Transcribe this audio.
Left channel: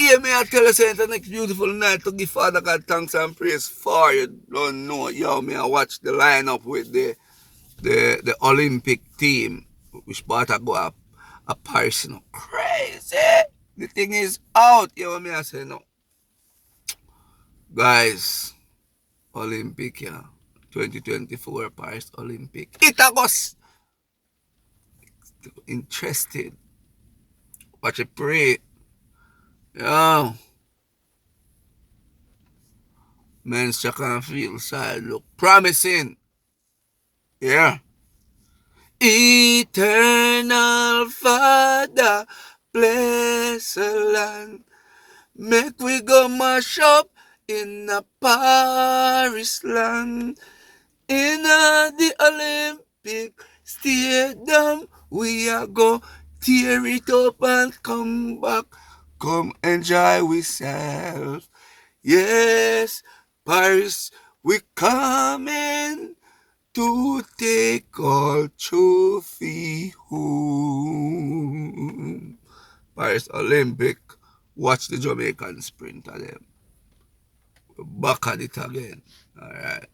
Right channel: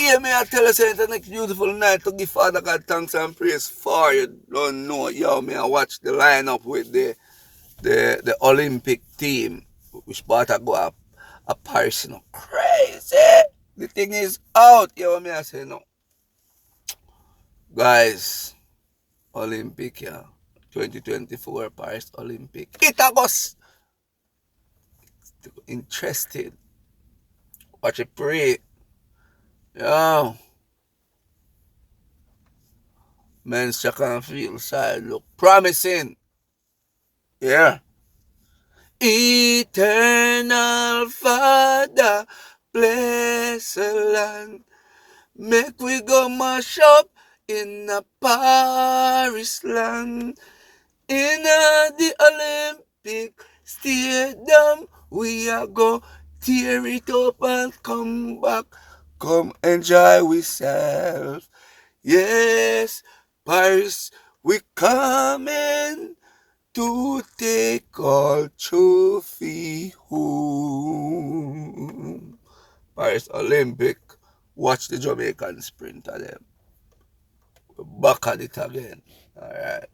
hear me, I tell you, say, it's the next beautiful night to give Father God thanks and praise for. You don't know, yo, me, I watch the lineup with the Olympic team, which part I go up a Paris, you know, crazy. The thing is out, yo, me, I say, no. Guys, Olympic, yeah. 2024 Paris Olympic. It was interested. Watch it pray. Yo, men's check and feel side look promising. Yeah. Eternal Father, bless the land. Make we go mash up in the Paris land. In the Olympic Stadium, we are go tear it up and come back. Come enjoy ourselves. Yes, Paris, we coming to take all trophy home. Paris Olympic, watch the Jamaican sprinter them. Back at it again. All right.